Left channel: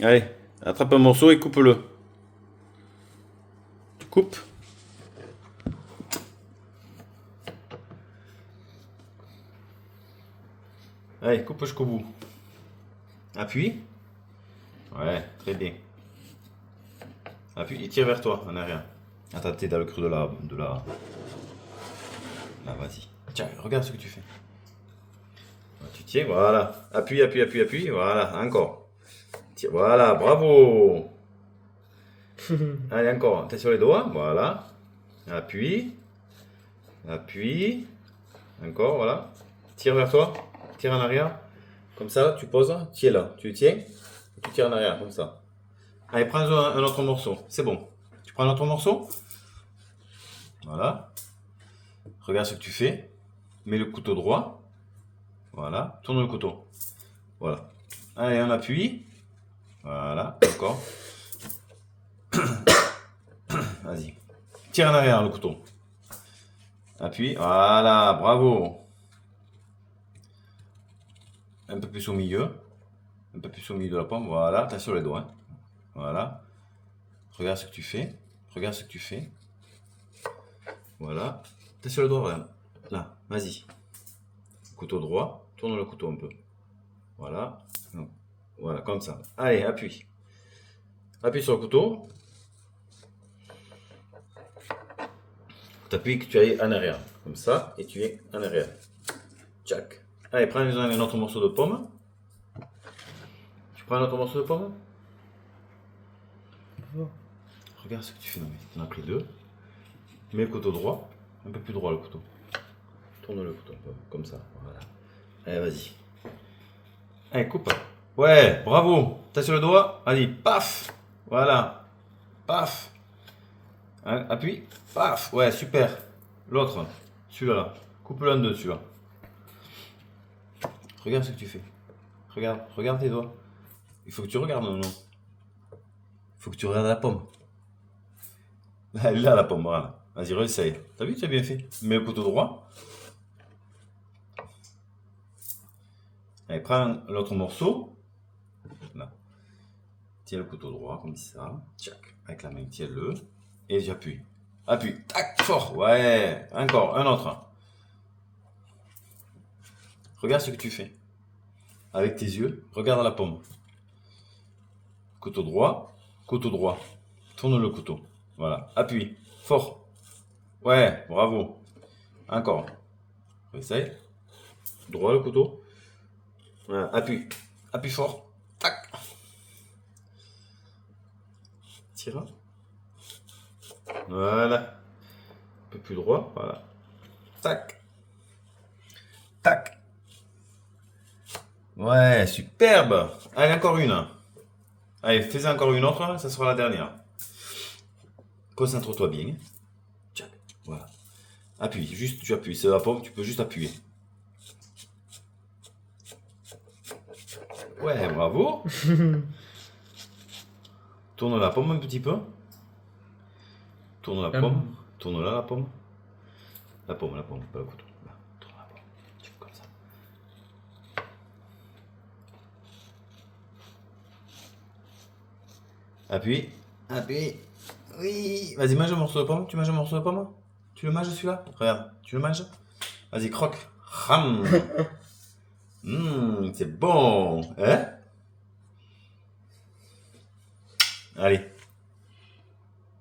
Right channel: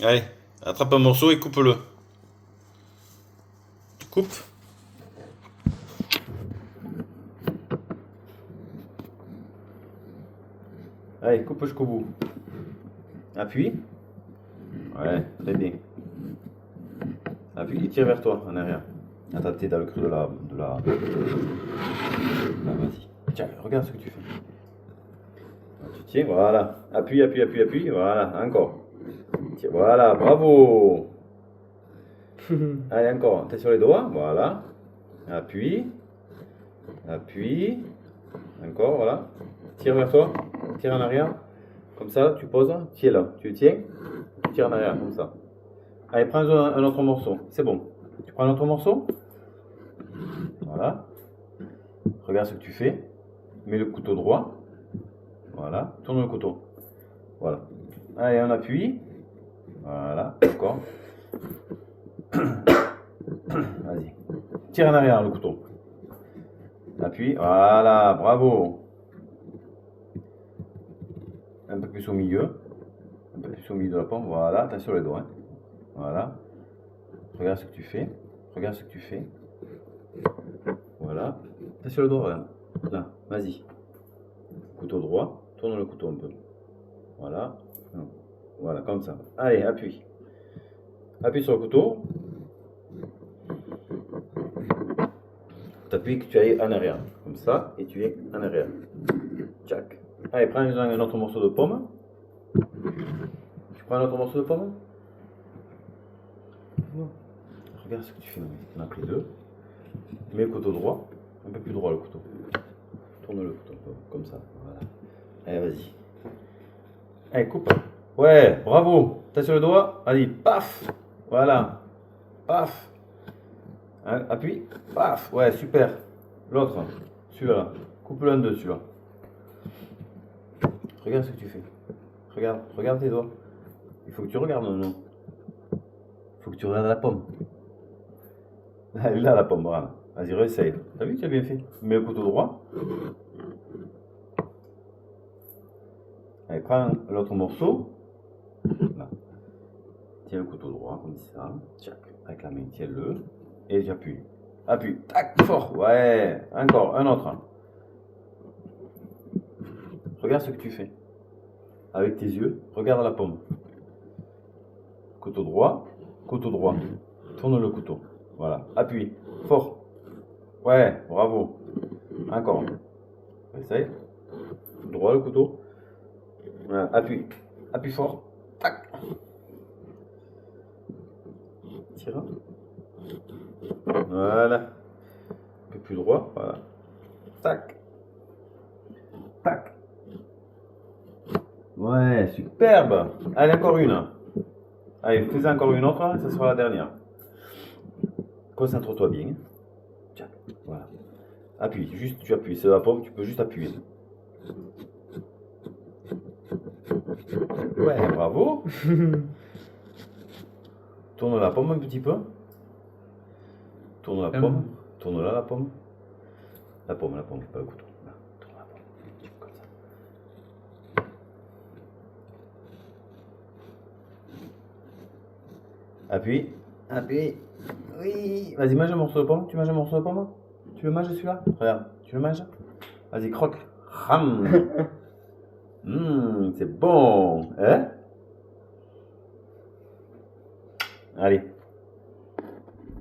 Allez, attrape un morceau et coupe-le. Tu coupes. Allez, coupe jusqu'au bout. Appuie. Ouais, très bien. Appuie et tire vers toi, en arrière. Attends, t'es dans le creux de la... Là, vas-y. Tiens, regarde ce que tu fais. Tu tiens, voilà. Appuie, appuie, appuie, appuie. Voilà, encore. Tiens, voilà, bravo. Allez, encore. T'es sur les doigts, voilà. Appuie. Appuie. Encore, voilà. Tire vers toi. Tire en arrière. Comme ça, tu poses. Tiens là. Tu tiens. Tu tires en arrière, comme ça. Allez, prends un autre morceau. C'est bon. Tu prends un autre morceau. Voilà. Regarde ce que tu fais. Mets le couteau droit. Voilà. Tourne le couteau. Voilà. Allez, on appuie. Voilà. Encore. Vas-y. Tire en arrière le couteau. Appuie. Voilà. Bravo. Un peu plus au milieu. Un peu plus au milieu de la pomme. Voilà. Attention les doigts. Hein. Voilà. Regarde ce que tu fais. Regarde ce que tu fais. Voilà. Attention le doigt. Là. Là. Vas-y. Couteau droit. Tourne le couteau un peu. Voilà. Voilà, comme ça. Allez, appuie. Appuie sur le couteau. Tu appuies que tu ailles en arrière. Comme ça. Et tu es en arrière. Tchac. Allez, prends un autre morceau de pomme. Tu prends un autre morceau de pomme. Regarde ce que tu fais. Tu en as pris deux. Mets le couteau droit. Un peu plus droit le couteau. Tourne le couteau un peu. Comme ça. Voilà. Allez, vas-y. Allez, coupe. Ouais, bravo. T'as sur le doigt. Allez, paf. Voilà. Paf. Hein, appuie. Paf. Ouais, super. L'autre. Celui-là. Coupe-le en deux, celui-là. Regarde ce que tu fais. Regarde. Regarde tes doigts. Il faut que tu regardes, non. Il faut que tu regardes la pomme. Elle est là, la pomme. Voilà. Vas-y, réessaye. T'as vu, tu as bien fait. Mets le couteau droit. Allez, prends l'autre morceau. Là. Tiens le couteau droit, comme ça. Tchac. Avec la main, tiens-le. Et j'appuie. Appuie. Tac, fort. Ouais. Encore, un autre. Regarde ce que tu fais. Avec tes yeux, regarde la pomme. Couteau droit. Couteau droit. Tourne le couteau. Voilà. Appuie. Fort. Ouais, bravo. Encore. Essaye. Droit le couteau. Voilà. Appuie. Appuie fort. Tac. Tire. Voilà. Un peu plus droit. Voilà. Tac. Tac. Ouais, superbe. Allez, encore une. Allez, fais encore une autre. Ça sera la dernière. Concentre-toi bien. Tchac. Voilà. Appuie. Juste, tu appuies. C'est la pomme, tu peux juste appuyer. Ouais, bravo. Tourne la pomme un petit peu. Tourne la pomme. Tourne là la pomme. La pomme, pas le couteau. Là, tourne la pomme. Comme ça. Appuie. Appuie. Oui. Vas-y, mange un morceau de pomme. Tu manges un morceau de pomme? Tu le manges celui-là? Regarde. Tu le manges? Vas-y, croque. Ram. C'est bon. Hein? Allez.